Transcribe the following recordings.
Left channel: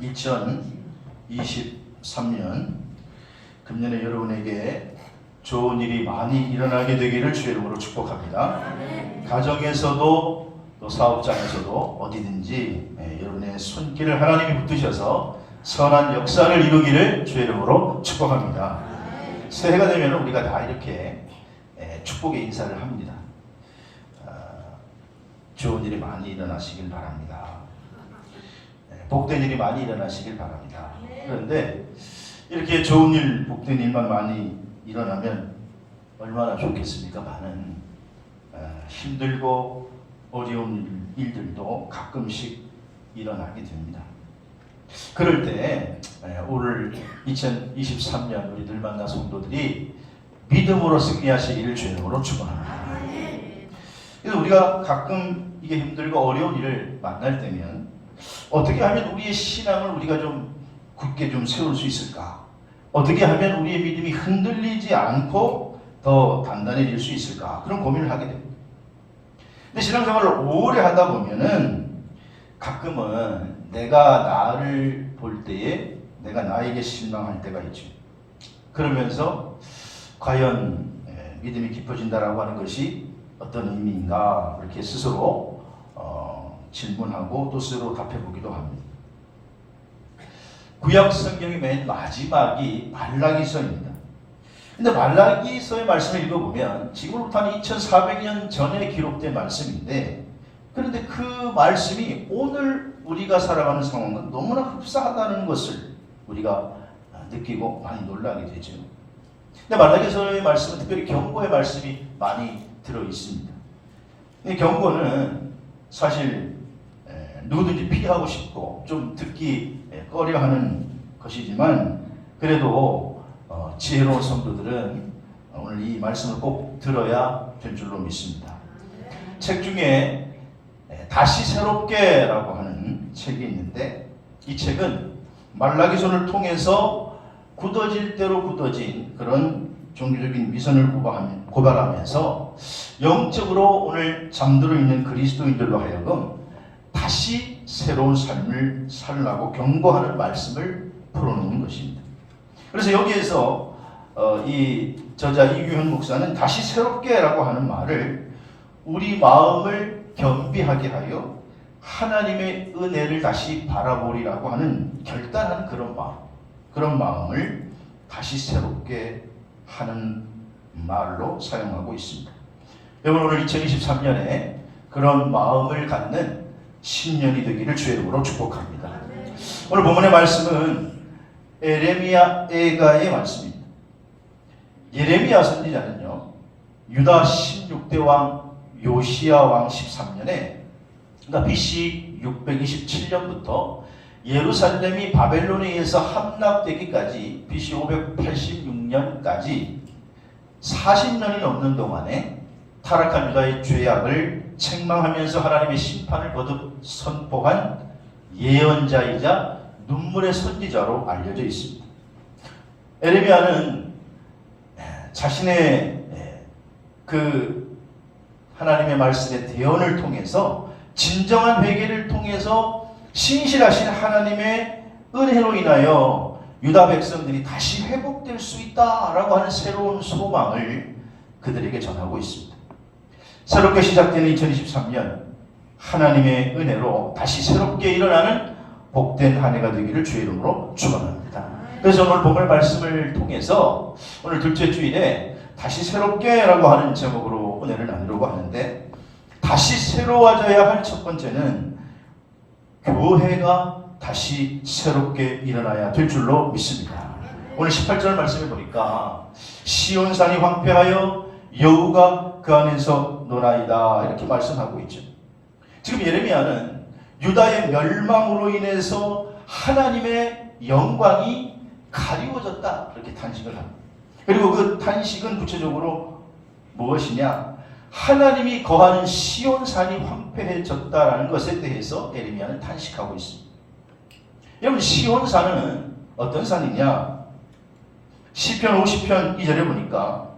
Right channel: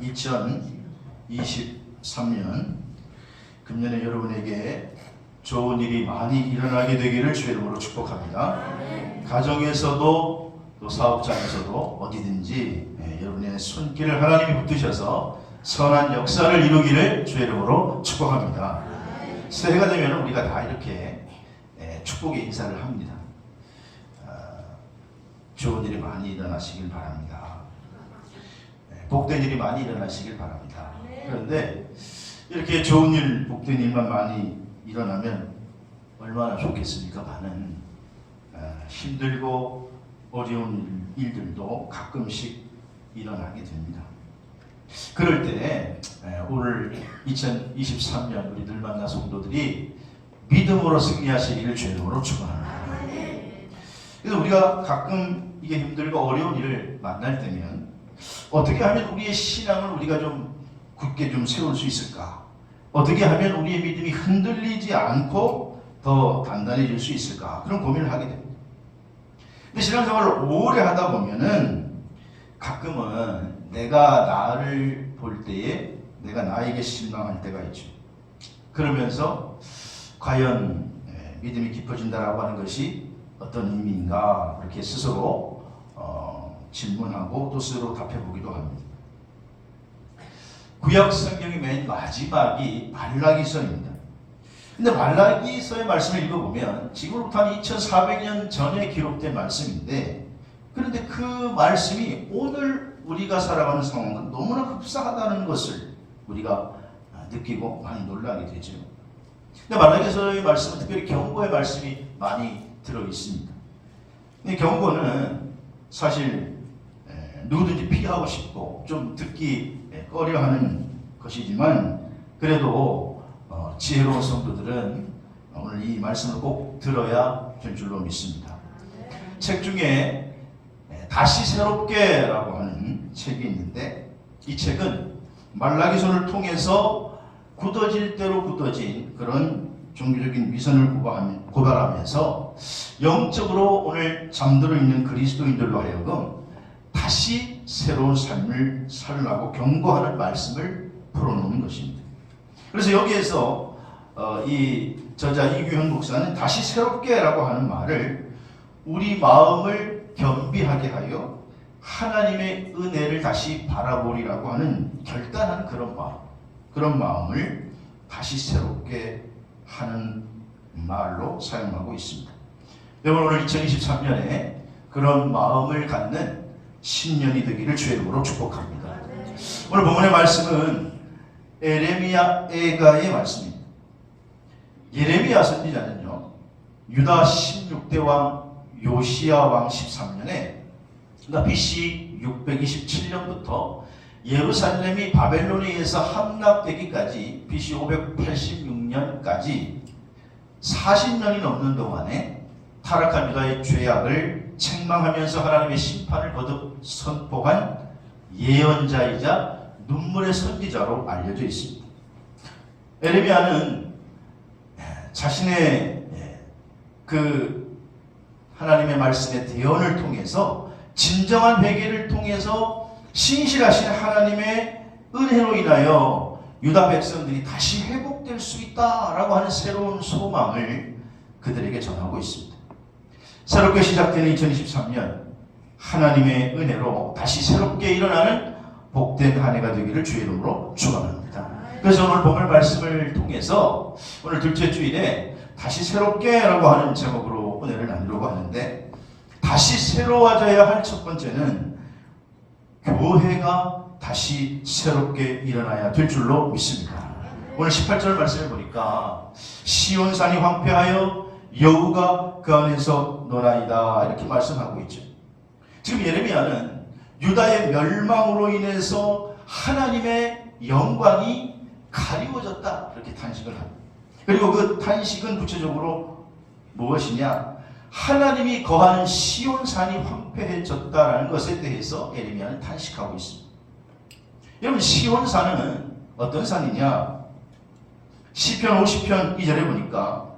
2023년 금년에 여러분에게 좋은 일이 많이 일어나게 되기를 주의 이름으로 축복합니다. 가정에서도 또 사업장에서도 어디든지 여러분의 손길을 하나님이 붙드셔서 선한 역사를 이루기를 주의 이름으로 축복합니다. 새해가 되면 우리가 다 이렇게 축복의 인사를 합니다. 좋은 일이 많이 일어나시길 바랍니다. 복된 일이 많이 일어나시길 바랍니다. 그런데 이렇게 좋은 일, 복된 일만 많이 일어나면 얼마나 좋겠습니까? 많은 힘들고 어려운 일들도 가끔씩 일어나게 됩니다. 그럴 때 오늘 2023년 우리 늘 만난 성도들이 믿음으로 승리하시기를 주의 이름으로 축원합니다. 그래서 우리가 가끔 이게 힘들고 어려운 일을 만날 때면 어떻게 하면 우리의 신앙을 우리가 좀 굳게 좀 세울 수 있을까? 어떻게 하면 우리의 믿음이 흔들리지 않고 더 단단해질 수 있을까? 그런 고민을 하게 됩니다. 근데 신앙생활을 오래 하다 보면은 가끔은 내가 나를 볼 때에 내가 나에게 실망할 때가 있죠. 그러면서 과연 믿음이 깊어진다라고 하는 것이 어떤 의미인가 이렇게 스스로 질문하고 또 스스로 답해보기도 합니다. 구약 성경의 맨 마지막이 말라기서입니다. 근데 말라기서의 말씀을 읽어보면 지금부터 한 2400년 전에 기록된 말씀인데, 그런데 그 말씀이 오늘 우리가 살아가는 상황과 너무나 흡사하다는 것을 우리가 느끼고 많이 놀라게 되죠. 근데 말라기서의 말씀은 특별히 경고의 말씀이 많이 들어있습니다. 근데 경고는 사실 누구든지 피하고 싶고 좀 듣기 꺼려하는 것이지만 그래도 지혜로운 성도들은 오늘 이 말씀을 꼭 들어야 될 줄로 믿습니다. 책 중에 다시 새롭게 라고 하는 책이 있는데, 이 책은 말라기서를 통해서 굳어질 대로 굳어진 그런 종교적인 위선을 고발하면서 영적으로 오늘 잠들어 있는 그리스도인들로 하여금 다시 새로운 삶을 살라고 경고하는 말씀을 풀어놓는 것입니다. 그래서 여기에서 이 저자 이규현 목사는 다시 새롭게라고 하는 말을 우리 마음을 겸비하게 하여 하나님의 은혜를 다시 바라보리라고 하는 결단한 그런 마음을 다시 새롭게 하는 말로 사용하고 있습니다. 여러분, 오늘 2023년에 그런 마음을 갖는 신년이 되기를 주의 이름으로 축복합니다. 오늘 본문의 말씀은 에레미야 애가의 말씀입니다. 예레미야 선지자는요, 유다 16대 왕 요시야 왕 13년에, 그러니까 BC 627년부터 예루살렘이 바벨론에 의해서 함락되기까지 BC 586년까지 40년이 넘는 동안에 타락한 유다의 죄악을 책망하면서 하나님의 심판을 거듭 선포한 예언자이자 눈물의 선지자로 알려져 있습니다. 에레미야는 자신의 그 하나님의 말씀의 대언을 통해서 진정한 회개를 통해서 신실하신 하나님의 은혜로 인하여 유다 백성들이 다시 회복될 수 있다라고 하는 새로운 소망을 그들에게 전하고 있습니다. 새롭게 시작되는 2023년, 하나님의 은혜로 다시 새롭게 일어나는 복된 한 해가 되기를 주의 이름으로 축원합니다. 그래서 오늘 본문 말씀을 통해서 오늘 둘째 주일에 다시 새롭게라고 하는 제목으로 은혜를 나누려고 하는데, 다시 새로워져야 할 첫 번째는 교회가 다시 새롭게 일어나야 될 줄로 믿습니다. 오늘 18절 말씀을 보니까 시온산이 황폐하여 여우가 그 안에서 노나이다 이렇게 말씀하고 있죠. 지금 예레미야는 유다의 멸망으로 인해서 하나님의 영광이 가리워졌다 이렇게 탄식을 합니다. 그리고 그 탄식은 구체적으로 무엇이냐? 하나님이 거하는 시온산이 황폐해졌다라는 것에 대해서 예레미야는 탄식하고 있습니다. 여러분, 시온산은 어떤 산이냐? 시편 50편 2절에 보니까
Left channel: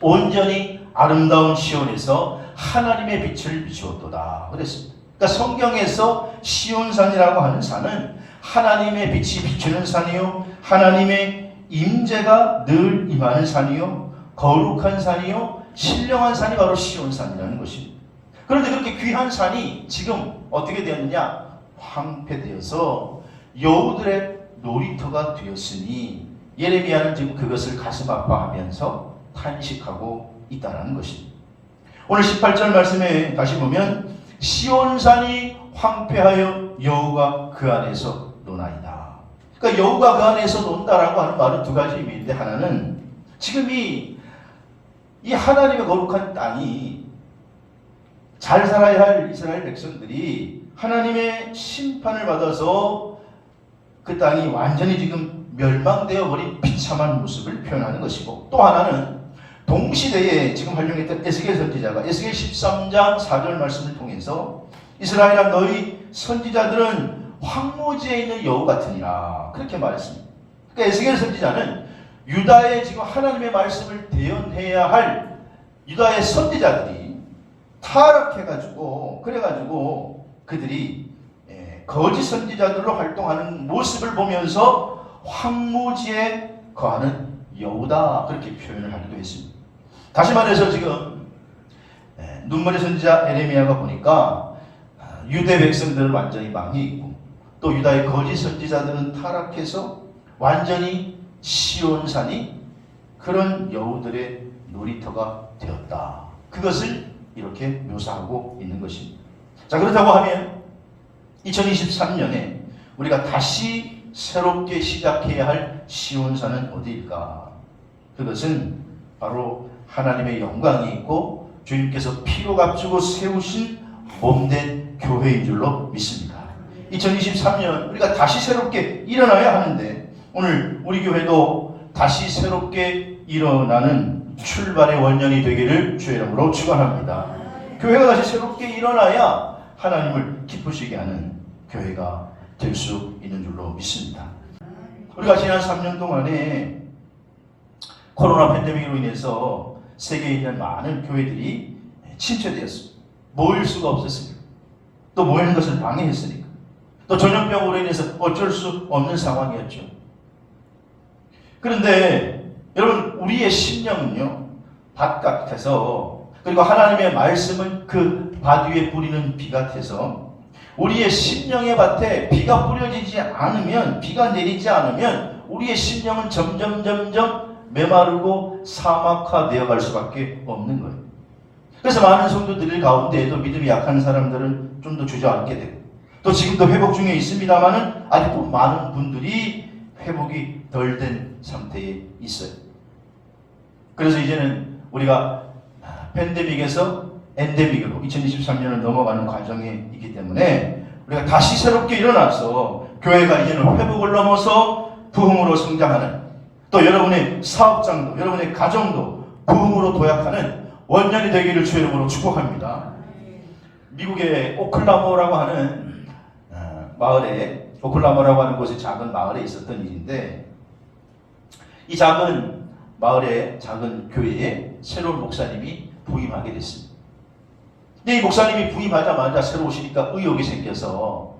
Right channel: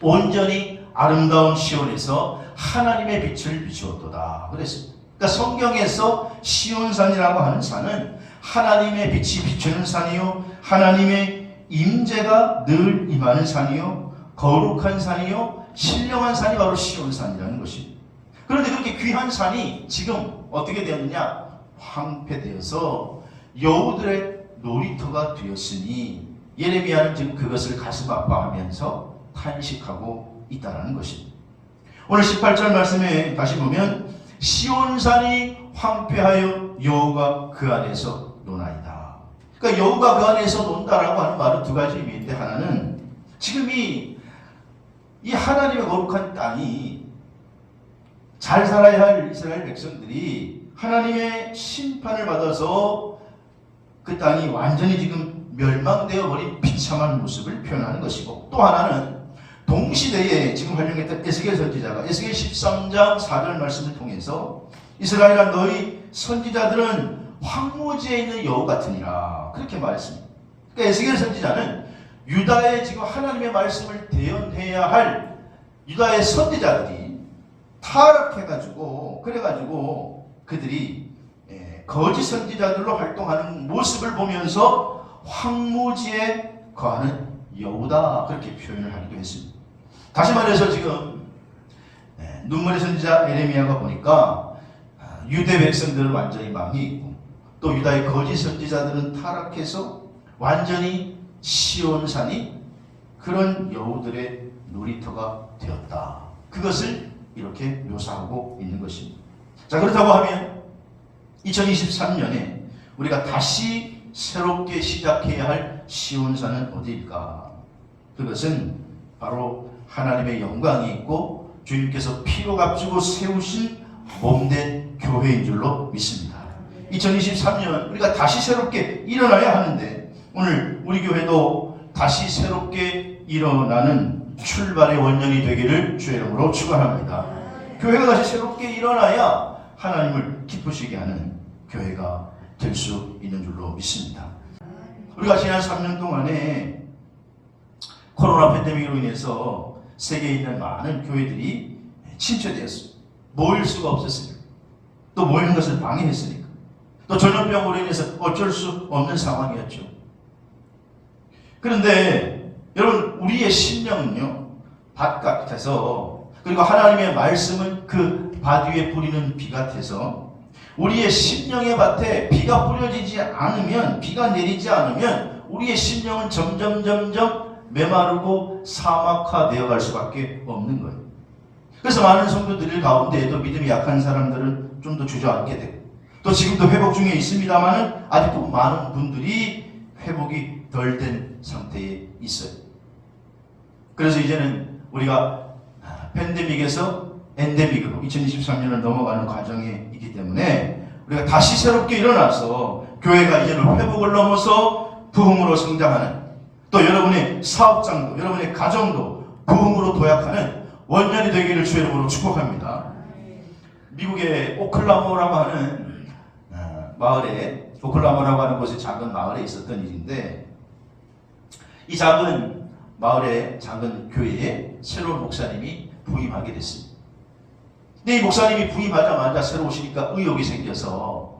온전히 아름다운 시온에서 하나님의 빛을 비추었도다 그랬습니다. 그러니까 성경에서 시온산이라고 하는 산은 하나님의 빛이 비추는 산이요 하나님의 임재가 늘 임하는 산이요 거룩한 산이요 신령한 산이 바로 시온산이라는 것이. 그런데 그렇게 귀한 산이 지금 어떻게 되었느냐? 황폐되어서 여우들의 놀이터가 되었으니 예레미야는 지금 그것을 가슴 아파하면서 탄식하고 있다는 것입니다. 오늘 18절 말씀에 다시 보면 시온산이 황폐하여 여우가 그 안에서 노나이다. 그러니까 여우가 그 안에서 논다라고 하는 말은 두 가지 의미인데, 하나는 지금 이 하나님의 거룩한 땅이 잘 살아야 할 이스라엘 백성들이 하나님의 심판을 받아서 그 땅이 완전히 지금 멸망되어 버린 비참한 모습을 표현하는 것이고, 또 하나는 동시대에 지금 활용했던 에스겔 선지자가 에스겔 13장 4절 말씀을 통해서 이스라엘아 너희 선지자들은 황무지에 있는 여우 같으니라 그렇게 말했습니다. 그러니까 에스겔 선지자는 유다의 지금 하나님의 말씀을 대언해야 할 유다의 선지자들이 타락해가지고 그래가지고 그들이 거짓 선지자들로 활동하는 모습을 보면서 황무지에 거하는 여우다 그렇게 표현을 하기도 했습니다. 다시 말해서 지금 눈물의 선지자 예레미야가 보니까 유대 백성들은 완전히 망해 있고 또 유다의 거짓 선지자들은 타락해서 완전히 시온산이 그런 여우들의 놀이터가 되었다. 그것을 이렇게 묘사하고 있는 것입니다. 자, 그렇다고 하면 2023년에 우리가 다시 새롭게 시작해야 할 시온산은 어디일까? 그것은 바로 하나님의 영광이 있고 주님께서 피로 값주고 세우신 몸된 교회인 줄로 믿습니다. 2023년 우리가 다시 새롭게 일어나야 하는데, 오늘 우리 교회도 다시 새롭게 일어나는 출발의 원년이 되기를 주의 이름으로 축원합니다. 교회가 다시 새롭게 일어나야 하나님을 기쁘시게 하는 교회가 될 수 있는 줄로 믿습니다. 우리가 지난 3년 동안에 코로나 팬데믹으로 인해서 세계에 있는 많은 교회들이 침체되었습니다. 모일 수가 없었으니까, 또 모이는 것을 방해했으니까, 또 전염병으로 인해서 어쩔 수 없는 상황이었죠. 그런데 여러분, 우리의 심령은요 밭 같아서, 그리고 하나님의 말씀은 그 밭 위에 뿌리는 비 같아서 우리의 심령의 밭에 비가 뿌려지지 않으면, 비가 내리지 않으면 우리의 심령은 점점 메마르고 사막화되어 갈 수밖에 없는 거예요. 그래서 많은 성도들 가운데에도 믿음이 약한 사람들은 좀 더 주저앉게 되고, 또 지금도 회복 중에 있습니다만은 아직도 많은 분들이 회복이 덜 된 상태에 있어요. 그래서 이제는 우리가 팬데믹에서 엔데믹으로 2023년을 넘어가는 과정에 있기 때문에 우리가 다시 새롭게 일어나서 교회가 이제는 회복을 넘어서 부흥으로 성장하는, 또 여러분의 사업장도 여러분의 가정도 부흥으로 도약하는 원년이 되기를 주의 이름으로 축복합니다. 미국의 오클라호마라고 하는 마을에, 오클라호마라고 하는 곳에 작은 마을에 있었던 일인데, 이 작은 마을의 작은 교회에 새로운 목사님이 부임하게 됐습니다. 근데 이 목사님이 부임하자마자 새로 오시니까 의욕이 생겨서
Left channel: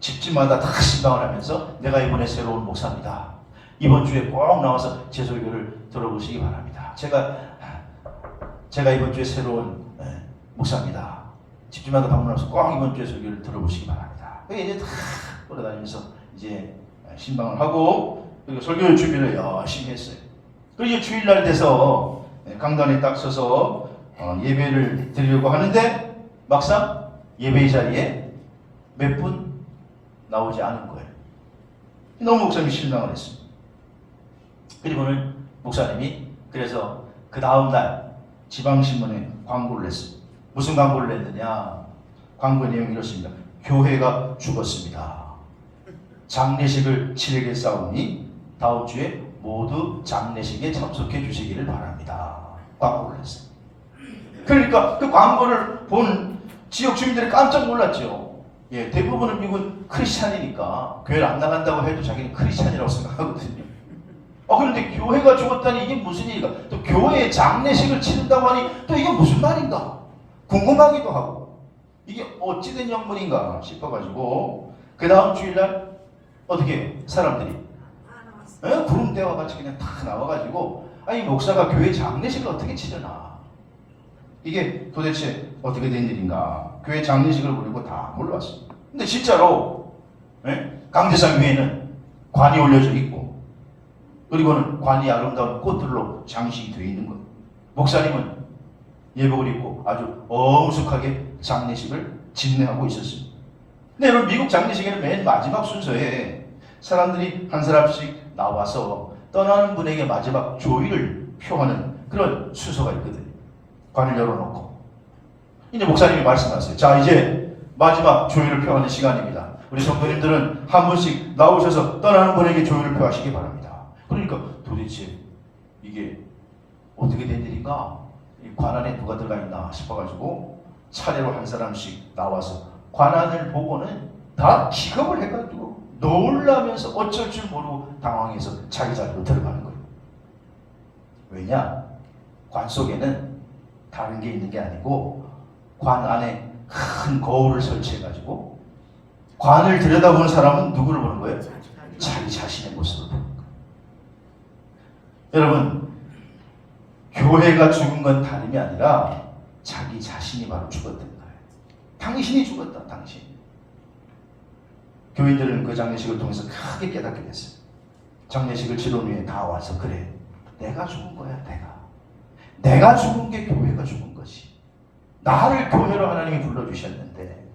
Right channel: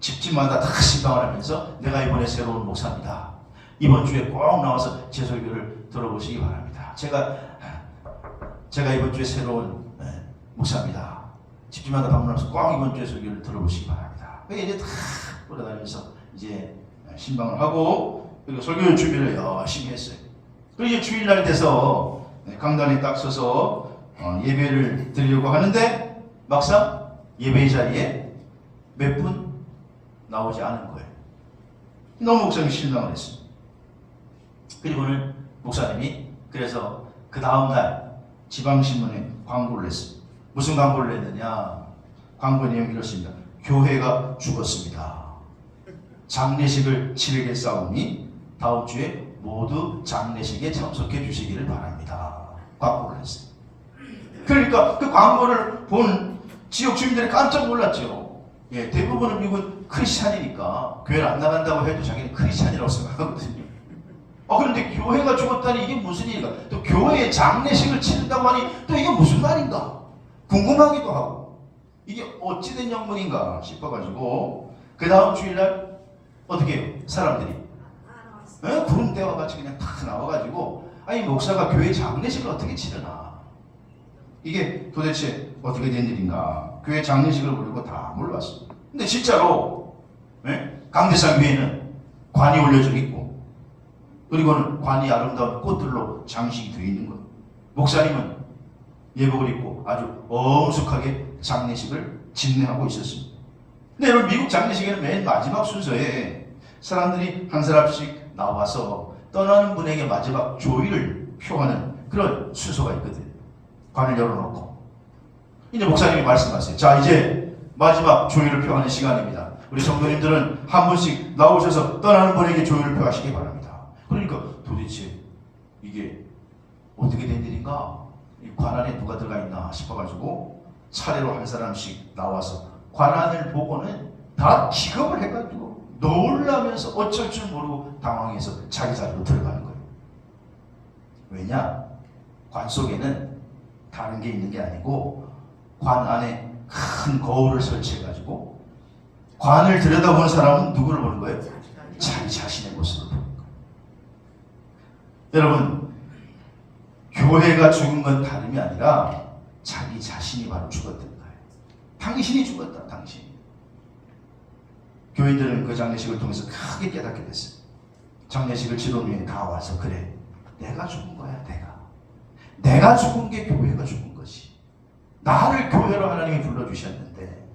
집집마다 다 신방을 하면서 내가 이번에 새로운 목사입니다. 이번 주에 꼭 나와서 제 설교를 들어보시기 바랍니다. 제가 이번 주에 새로운 목사입니다. 집집마다 방문해서 꼭 이번 주에 설교를 들어보시기 바랍니다. 이제 다 돌아다니면서 이제 신방을 하고, 그리고 설교 준비를 열심히 했어요. 그리고 주일날 돼서 강단에 딱 서서 예배를 드리려고 하는데 막상 예배 자리에 몇 분 나오지 않은 거예요. 너무 목사님이 실망을 했습니다. 그리고는 목사님이 그래서 그 다음날 지방신문에 광고를 했습니다. 무슨 광고를 했느냐? 광고 내용이 이렇습니다. 교회가 죽었습니다. 장례식을 치르겠사오니 다음 주에 모두 장례식에 참석해 주시기를 바랍니다. 광고를 했어요. 그러니까 그 광고를 본 지역 주민들이 깜짝 놀랐죠. 예, 대부분은 미국은 크리스찬이니까 교회를 안 나간다고 해도 자기는 크리스찬이라고 생각하거든요. 그런데 교회가 죽었다니 이게 무슨 일인가? 또 교회에 장례식을 치른다고 하니 또 이게 무슨 말인가? 궁금하기도 하고 이게 어찌된 영문인가 싶어가지고 그 다음 주일날 어떻게 사람들이 구름대와 같이 그냥 탁 나와가지고 아니 목사가 교회 장례식을 어떻게 치르나 이게 도대체 어떻게 된 일인가 교회 장례식을 부르고 다 몰려왔습니다. 근데 진짜로 강대상 교회는 관이 올려져 있고 그리고는 관이 아름다운 꽃들로 장식이 되어 있는 거예요. 목사님은 예복을 입고 아주 엄숙하게 장례식을 진행하고 있었습니다. 근데 여러분 미국 장례식에는 맨 마지막 순서에 사람들이 한 사람씩 나와서 떠나는 분에게 마지막 조의를 표하는 그런 순서가 있거든요. 관을 열어놓고 이제 목사님이 말씀하세요. 자 이제 마지막 조의를 표하는 시간입니다. 우리 성도님들은 한 분씩 나오셔서 떠나는 분에게 조의를 표하시기 바랍니다. 그러니까 도대체 이게 어떻게 된 일인가? 이 관 안에 누가 들어가 있나 싶어가지고 차례로 한 사람씩 나와서 관안을 보고는 다 기겁을 해가지고 놀라면서 어쩔 줄 모르고 당황해서 자기 자리로 들어가는 거예요. 왜냐? 관 속에는 다른 게 있는 게 아니고 관 안에 큰 거울을 설치해가지고 관을 들여다보는 사람은 누구를 보는 거예요? 자기 자신의 모습을 보는 거예요. 여러분 교회가 죽은 건 다름이 아니라 자기 자신이 바로 죽었던 거예요. 당신이 죽었다. 당신. 교인들은 그 장례식을 통해서 크게 깨닫게 됐어요. 장례식을 치른 후에 다 와서 그래 내가 죽은 거야. 내가 죽은 게 교회가 죽은 것이. 나를 교회로 하나님이 불러주셨는데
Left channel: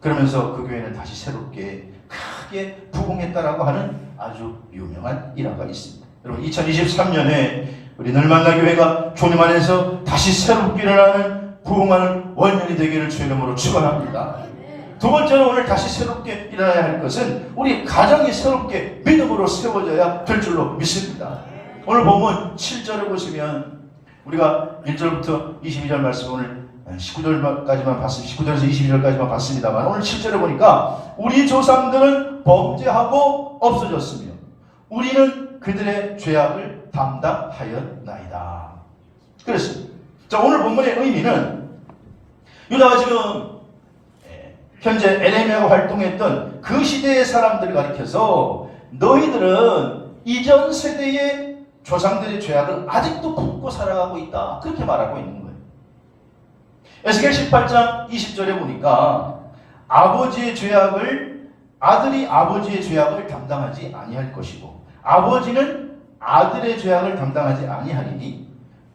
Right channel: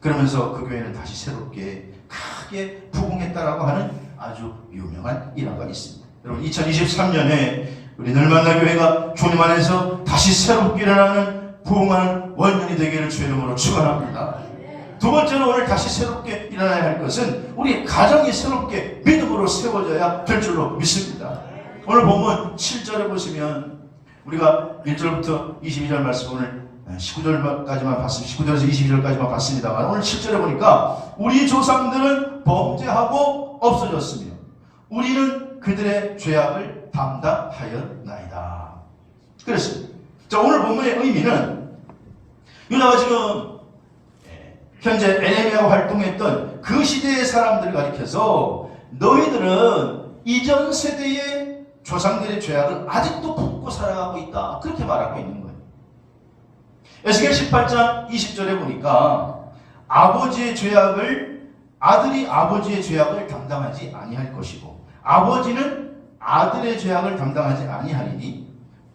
그러면서 그 교회는 다시 새롭게 크게 부흥했다라고 하는 아주 유명한 일화가 있습니다. 여러분 2023년에 우리 늘만나 교회가 주님 안에서 다시 새롭게 일어나는 부흥하는 원년이 되기를 주의 이름으로 축원합니다. 두 번째로 오늘 다시 새롭게 일어나야 할 것은 우리 가정이 새롭게 믿음으로 세워져야 될 줄로 믿습니다. 오늘 본문 7절에 보시면 우리가 1절부터 22절 말씀 오늘 19절까지만 봤습니다. 19절에서 22절까지만 봤습니다만 오늘 7절에 보니까 우리 조상들은 범죄하고 없어졌으며 우리는 그들의 죄악을 담당하였나이다. 그렇습니다. 자, 오늘 본문의 의미는 유다가 지금 현재 에레미야가 활동했던 그 시대의 사람들을 가리켜서 너희들은 이전 세대의 조상들의 죄악을 아직도 품고 살아가고 있다. 그렇게 말하고 있는 거예요. 에스겔 18장 20절에 보니까 아버지의 죄악을 아들이 아버지의 죄악을 담당하지 아니할 것이고 아버지는 아들의 죄악을 담당하지 아니하리니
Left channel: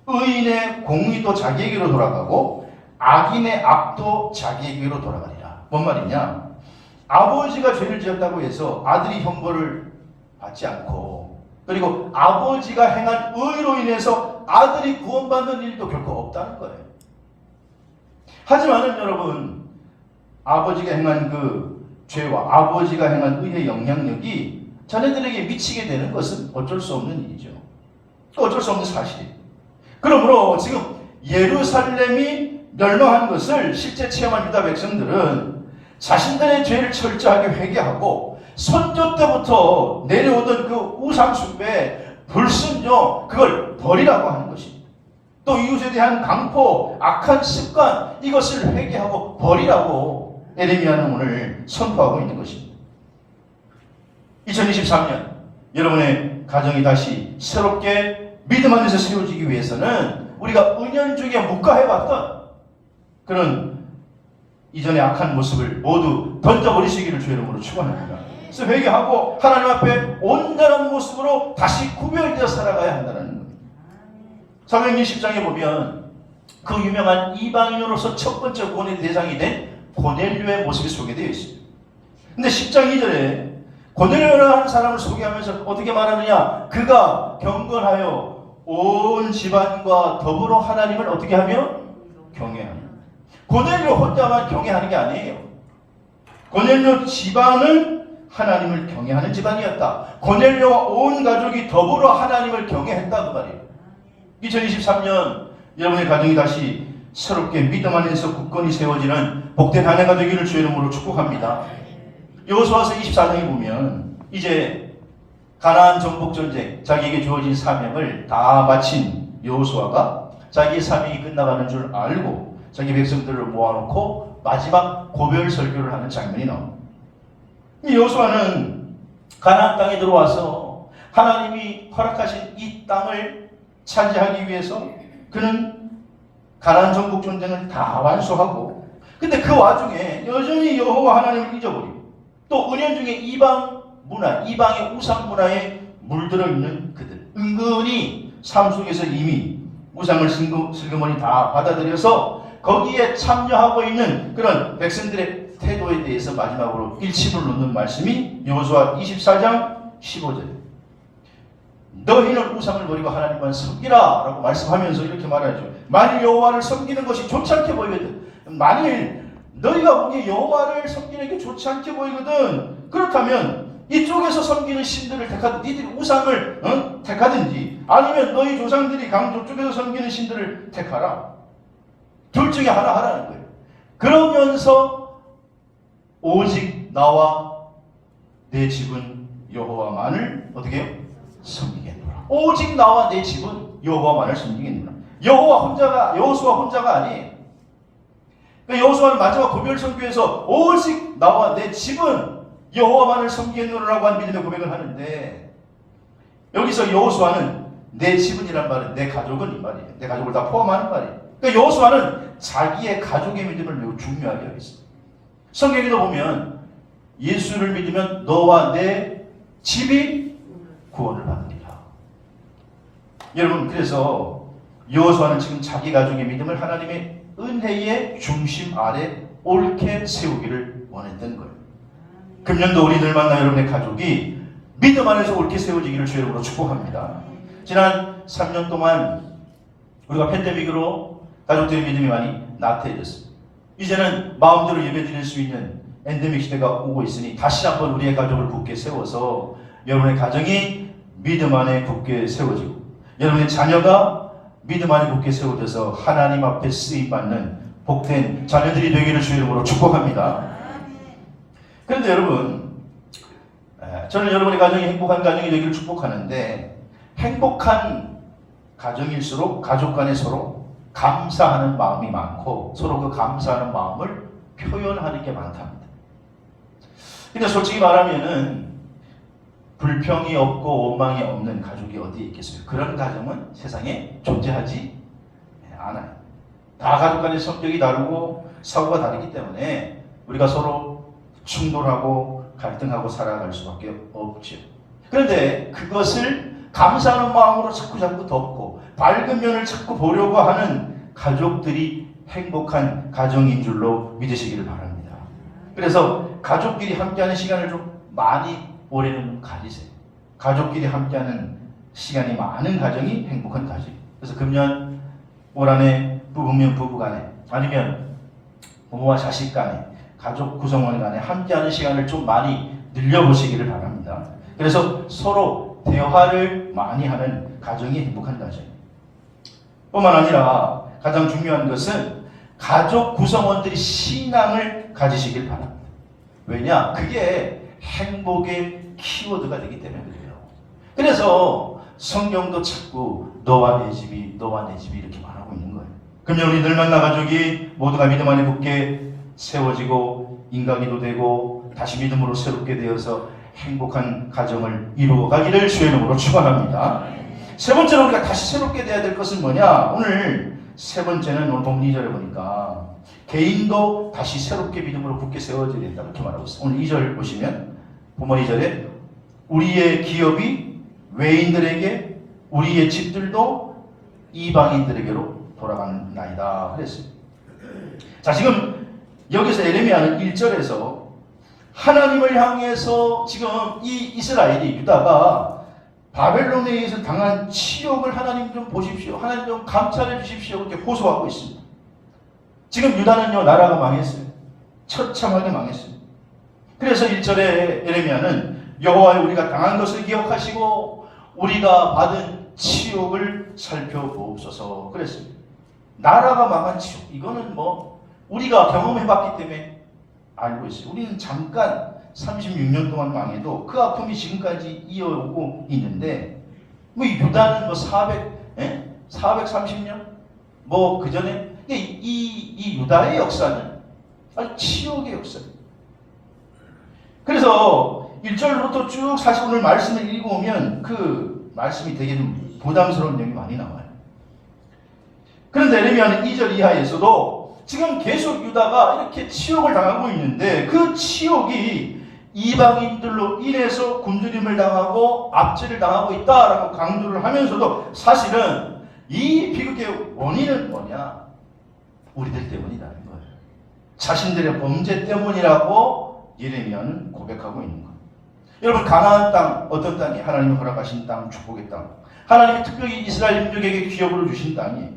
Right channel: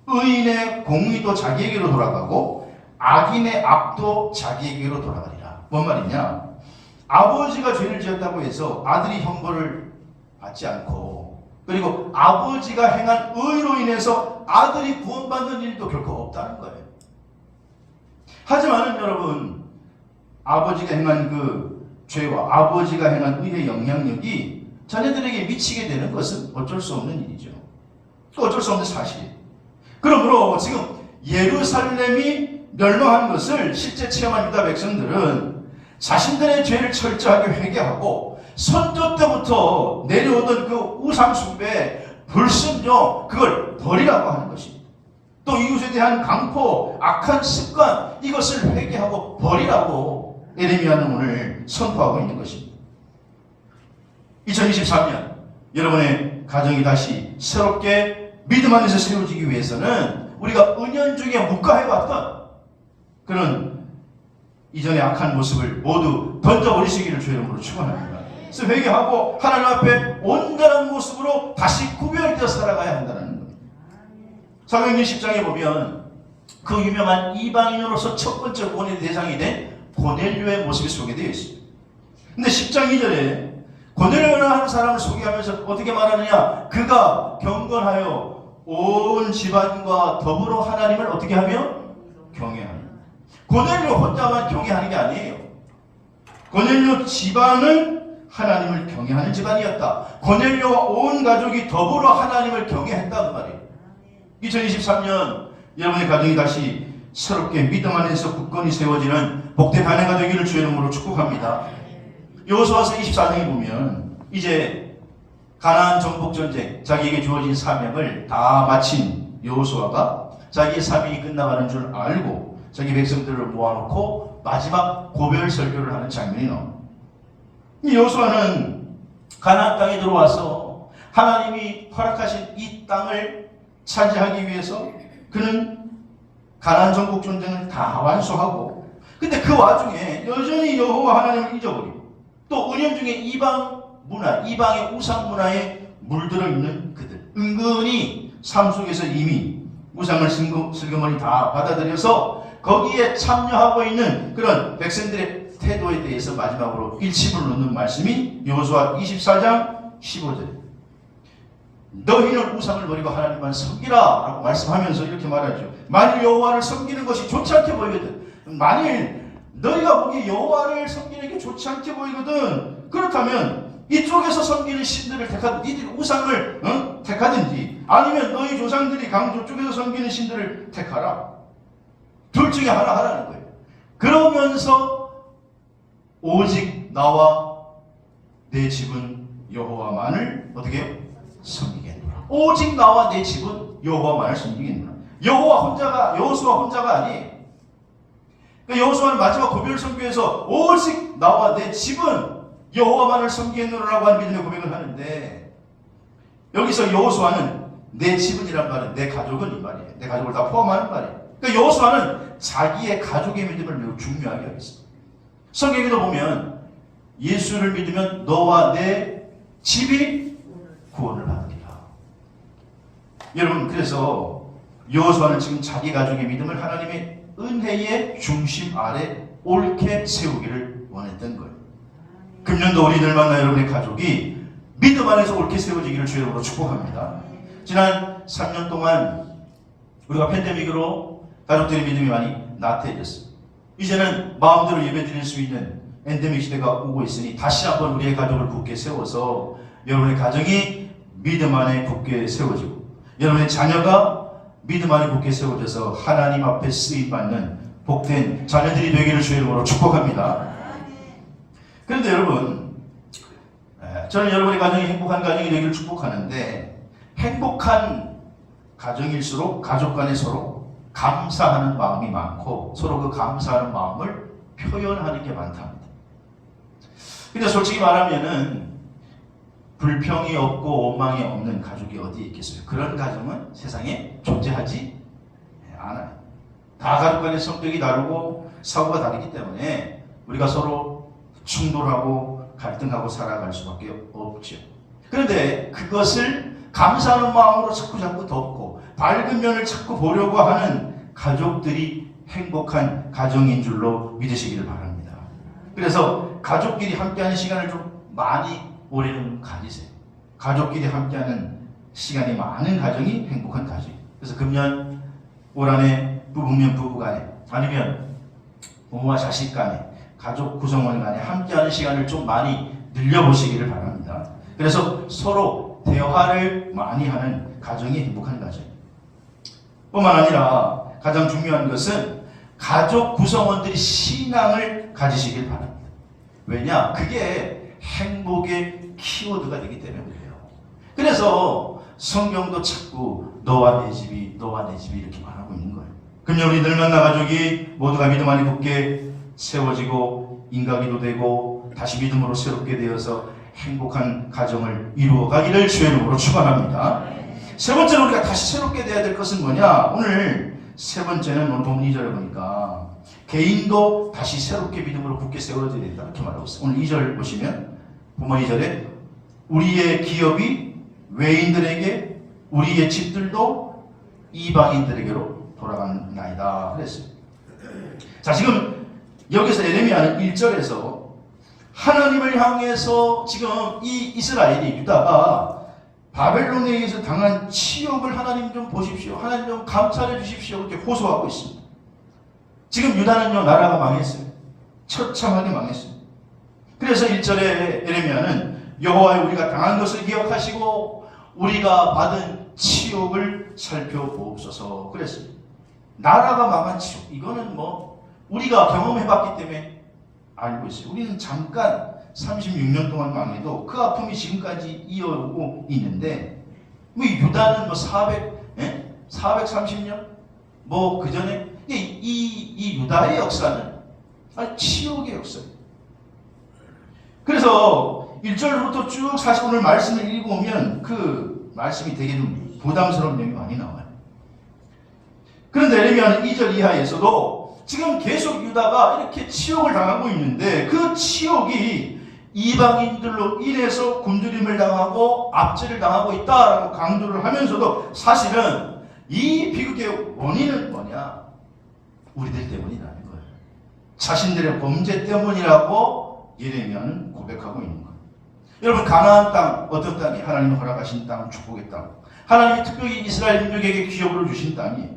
의인의 공의도 자기에게로 돌아가고 악인의 악도 자기에게로 돌아가리라. 뭔 말이냐? 아버지가 죄를 지었다고 해서 아들이 형벌을 받지 않고 그리고 아버지가 행한 의로 인해서 아들이 구원받는 일도 결코 없다는 거예요. 하지만 여러분 아버지가 행한 그 죄와 아버지가 행한 의의 영향력이 자녀들에게 미치게 되는 것은 어쩔 수 없는 일이죠. 어쩔 수 없는 사실이에요. 그러므로 지금 예루살렘이 멸망한 것을 실제 체험한 유다 백성들은 자신들의 죄를 철저하게 회개하고 선조 때부터 내려오던 그 우상숭배, 불순종 그걸 버리라고 하는 것입니다. 또 이웃에 대한 강포, 악한 습관 이것을 회개하고 버리라고 에레미야는 오늘 선포하고 있는 것입니다. 2023년 여러분의 가정이 다시 새롭게 믿음 안에서 세워지기 위해서는 우리가 은연중에 묵과해왔던 그런 이전의 악한 모습을 모두 던져버리시기를 주의 이름으로 축원합니다. 그래서 회개하고 하나님 앞에 온전한 모습으로 다시 구별되어 살아가야 한다는 겁니다. 사도행전 10장에 보면 그 유명한 이방인으로서 첫 번째 구원의 대상이 된 고넬료의 모습이 소개되어 있습니다. 근데 10장 2절에 고넬료라는 사람을 소개하면서 어떻게 말하느냐? 그가 경건하여 온 집안과 더불어 하나님을 어떻게 하며? 경외하며. 고넬료 혼자만 경외하는 게 아니에요. 고넬료 집안은 하나님을 경외하는 집안이었다. 고넬료와 온 가족이 더불어 하나님을 경외했다는 말이에요. 2023년 여러분의 가정이 다시 새롭게 믿음 안에서 굳건히 세워지는 복된 한 해가 되기를 주의 이름으로 축복합니다. 여호수아서 24장에 보면 이제 가나안 정복 전쟁 자기에게 주어진 사명을 다 마친 여호수아가 자기의 사명이 끝나가는 줄 알고 자기 백성들을 모아놓고 마지막 고별 설교를 하는 장면이 나옵니다. 여호수아는 가나안 땅에 들어와서 하나님이 허락하신 이 땅을 차지하기 위해서 그는 가나안 전국 전쟁을 다 완수하고, 근데 그 와중에 여전히 여호와 하나님을 잊어버리고 또 은연중에 이방 문화, 이방의 우상 문화에 물들어 있는 그들, 은근히 삶 속에서 이미 우상을 슬그머니 다 받아들여서 거기에 참여하고 있는 그런 백성들의 태도에 대해서 마지막으로 일침을 놓는 말씀이 여호수아 24장 15절. 너희는 우상을 버리고 하나님만 섬기라 라고 말씀하면서 이렇게 말하죠. 만일 여호와를 섬기는 것이 좋지 않게 보이거든, 만일 너희가 보기에 여호와를 섬기는 게 좋지 않게 보이거든, 그렇다면 이쪽에서 섬기는 신들을 택하든, 니들이 우상을 택하든지, 아니면 너희 조상들이 강조 쪽에서 섬기는 신들을 택하라. 둘 중에 하나 하라는 거예요. 그러면서 오직 나와 내 집은 여호와만을 어떻게 섬기겠노라. 오직 나와 내 집은 여호와만을 섬기겠노라. 여호와 혼자가, 여호수아 혼자가 아니. 그러니까 여호수아는 마지막 고별 선교에서 오직 나와 내 집은 여호와만을 섬기겠노라고 한 믿음의 고백을 하는데, 여기서 여호수아는 내 집은이란 말은 내 가족은 이 말이에요. 내 가족을 다 포함하는 말이에요. 그러니까 여호수아는 자기의 가족의 믿음을 매우 중요하게 여겼어요. 성경에도 보면 예수를 믿으면 너와 내 집이 구원을 받으리라. 여러분, 그래서 여호수아는 지금 자기 가족의 믿음을 하나님의 은혜의 중심 아래 옳게 세우기를 원했던 거예요. 금년도 우리들 만나 여러분의 가족이 믿음 안에서 옳게 세워지기를 주님으로 축복합니다. 지난 3년 동안 우리가 팬데믹으로 가족들의 믿음이 많이 나태해졌어요. 이제는 마음대로 예배드릴 수 있는 엔데믹 시대가 오고 있으니 다시 한번 우리의 가족을 굳게 세워서 여러분의 가정이 믿음 안에 굳게 세워지고, 여러분의 자녀가 믿음 안에 굳게 세워져서 하나님 앞에 쓰임받는 복된 자녀들이 되기를 주의 이름으로 축복합니다. 그런데 여러분, 저는 여러분의 가정이 행복한 가정이 되기를 축복하는데, 행복한 가정일수록 가족 간에 서로 감사하는 마음이 많고 서로 그 감사하는 마음을 표현하는 게 많답니다. 근데 솔직히 말하면은 불평이 없고 원망이 없는 가족이 어디에 있겠어요? 그런 가정은 세상에 존재하지 않아요. 다 가족 간의 성격이 다르고 사고가 다르기 때문에 우리가 서로 충돌하고 갈등하고 살아갈 수밖에 없죠. 그런데 그것을 감사하는 마음으로 자꾸 덮고 밝은 면을 자꾸 보려고 하는 가족들이 행복한 가정인 줄로 믿으시기를 바랍니다. 그래서 가족끼리 함께하는 시간을 좀 많이 올해는 가지세요. 가족끼리 함께하는 시간이 많은 가정이 행복한 가정. 그래서 금년 올 한해 부부면 부부간에, 아니면 부모와 자식 간에, 가족 구성원 간에 함께하는 시간을 좀 많이 늘려보시기를 바랍니다. 그래서 서로 대화를 많이 하는 가정이 행복한 가정. 뿐만 아니라 가장 중요한 것은 가족 구성원들이 신앙을 가지시길 바랍니다. 왜냐? 그게 행복의 키워드가 되기 때문이에요. 그래서 성경도 자꾸 너와 내 집이, 너와 내 집이 이렇게 말하고 있는 거예요. 금년 우리 늘 만나 가족이 모두가 믿음 안에 굳게 세워지고 인가기도 되고 다시 믿음으로 새롭게 되어서 행복한 가정을 이루어 가기를 주의 이름으로 축원합니다. 세 번째로 우리가 다시 새롭게 돼야 될 것은 뭐냐? 오늘 세 번째는 오늘 본문 2절에 보니까 개인도 다시 새롭게 믿음으로 굳게 세워져야 된다 이렇게 말하고 있어요. 오늘 2절 보시면 본문 2절에 우리의 기업이 외인들에게, 우리의 집들도 이방인들에게로 돌아가나이다 그랬어요. 자, 지금 여기서 에레미야는 1절에서 하나님을 향해서 지금 이 이스라엘이, 유다가 바벨론에 의해서 당한 치욕을 하나님 좀 보십시오, 하나님 좀 감찰해 주십시오 이렇게 호소하고 있습니다. 지금 유다는요, 나라가 망했어요. 처참하게 망했어요. 그래서 1절에 에레미야는 여호와여 우리가 당한 것을 기억하시고 우리가 받은 치욕을 살펴보옵소서 그랬어요. 나라가 망한 치욕, 이거는 뭐 우리가 경험해봤기 때문에 알고 있어요. 우리는 잠깐 36년 동안 망해도 그 아픔이 지금까지 이어오고 있는데, 뭐 유다는 뭐 430년 뭐 그 전에, 이 유다의 역사는 아주 치욕의 역사예요. 그래서 1절부터 쭉 40분을 말씀을 읽어오면 그 말씀이 되게 부담스러운 점이 많이 나와요. 그런데 에레미야는 2절 이하에서도 지금 계속 유다가 이렇게 치욕을 당하고 있는데 그 치욕이 이방인들로 인해서 굶주림을 당하고 압제를 당하고 있다라고 강조를 하면서도 사실은 이 비극의 원인은 뭐냐? 우리들 때문이라는 거예요. 자신들의 범죄 때문이라고 예레미야는 고백하고 있는 거예요. 여러분, 가나안 땅, 어떤 땅이 하나님이 허락하신 땅, 축복의 땅, 하나님이 특별히 이스라엘 민족에게 기업으로 주신 땅이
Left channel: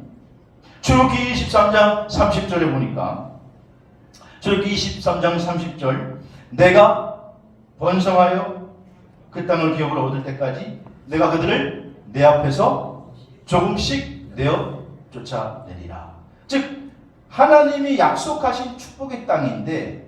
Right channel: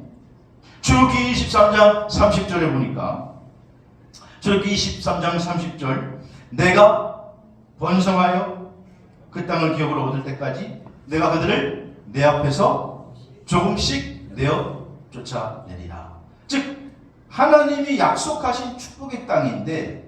출애굽기 23장 30절에 보니까 출애굽기 23장 30절 내가 번성하여 그 땅을 기업으로 얻을 때까지 내가 그들을 내 앞에서 조금씩 내어 쫓아내리라. 즉 하나님이 약속하신 축복의 땅인데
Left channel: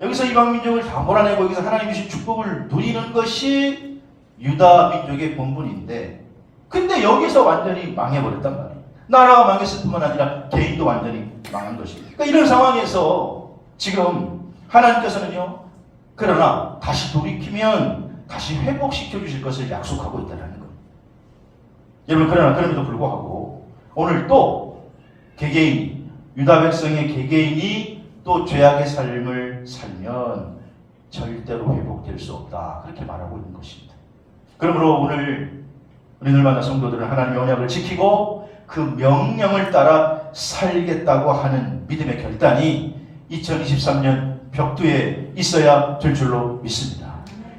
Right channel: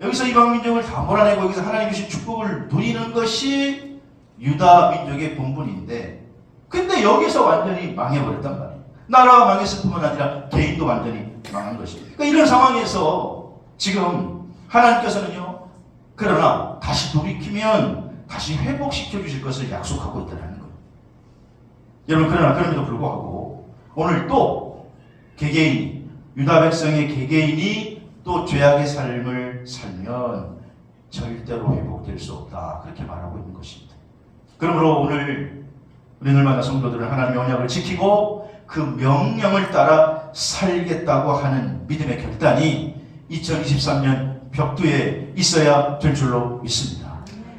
여기서 이방 민족을 다 몰아내고 여기서 하나님이 주신 축복을 누리는 것이 유다 민족의 본분인데 근데 여기서 완전히 망해버렸단 말이에요. 나라가 망했을 뿐만 아니라 개인도 완전히 망한 것입니다. 그러니까 이런 상황에서 지금 하나님께서는요, 그러나 다시 돌이키면 다시 회복시켜 주실 것을 약속하고 있다는 거예요. 여러분, 그러나 그럼에도 불구하고 오늘 또 개개인, 유다 백성의 개개인이 또 죄악의 삶을 살면 절대로 회복될 수 없다. 그렇게 말하고 있는 것입니다. 그러므로 오늘 우리 늘마다 성도들은 하나님의 언약을 지키고 그 명령을 따라 살겠다고 하는 믿음의 결단이 2023년 벽두에 있어야 될 줄로 믿습니다.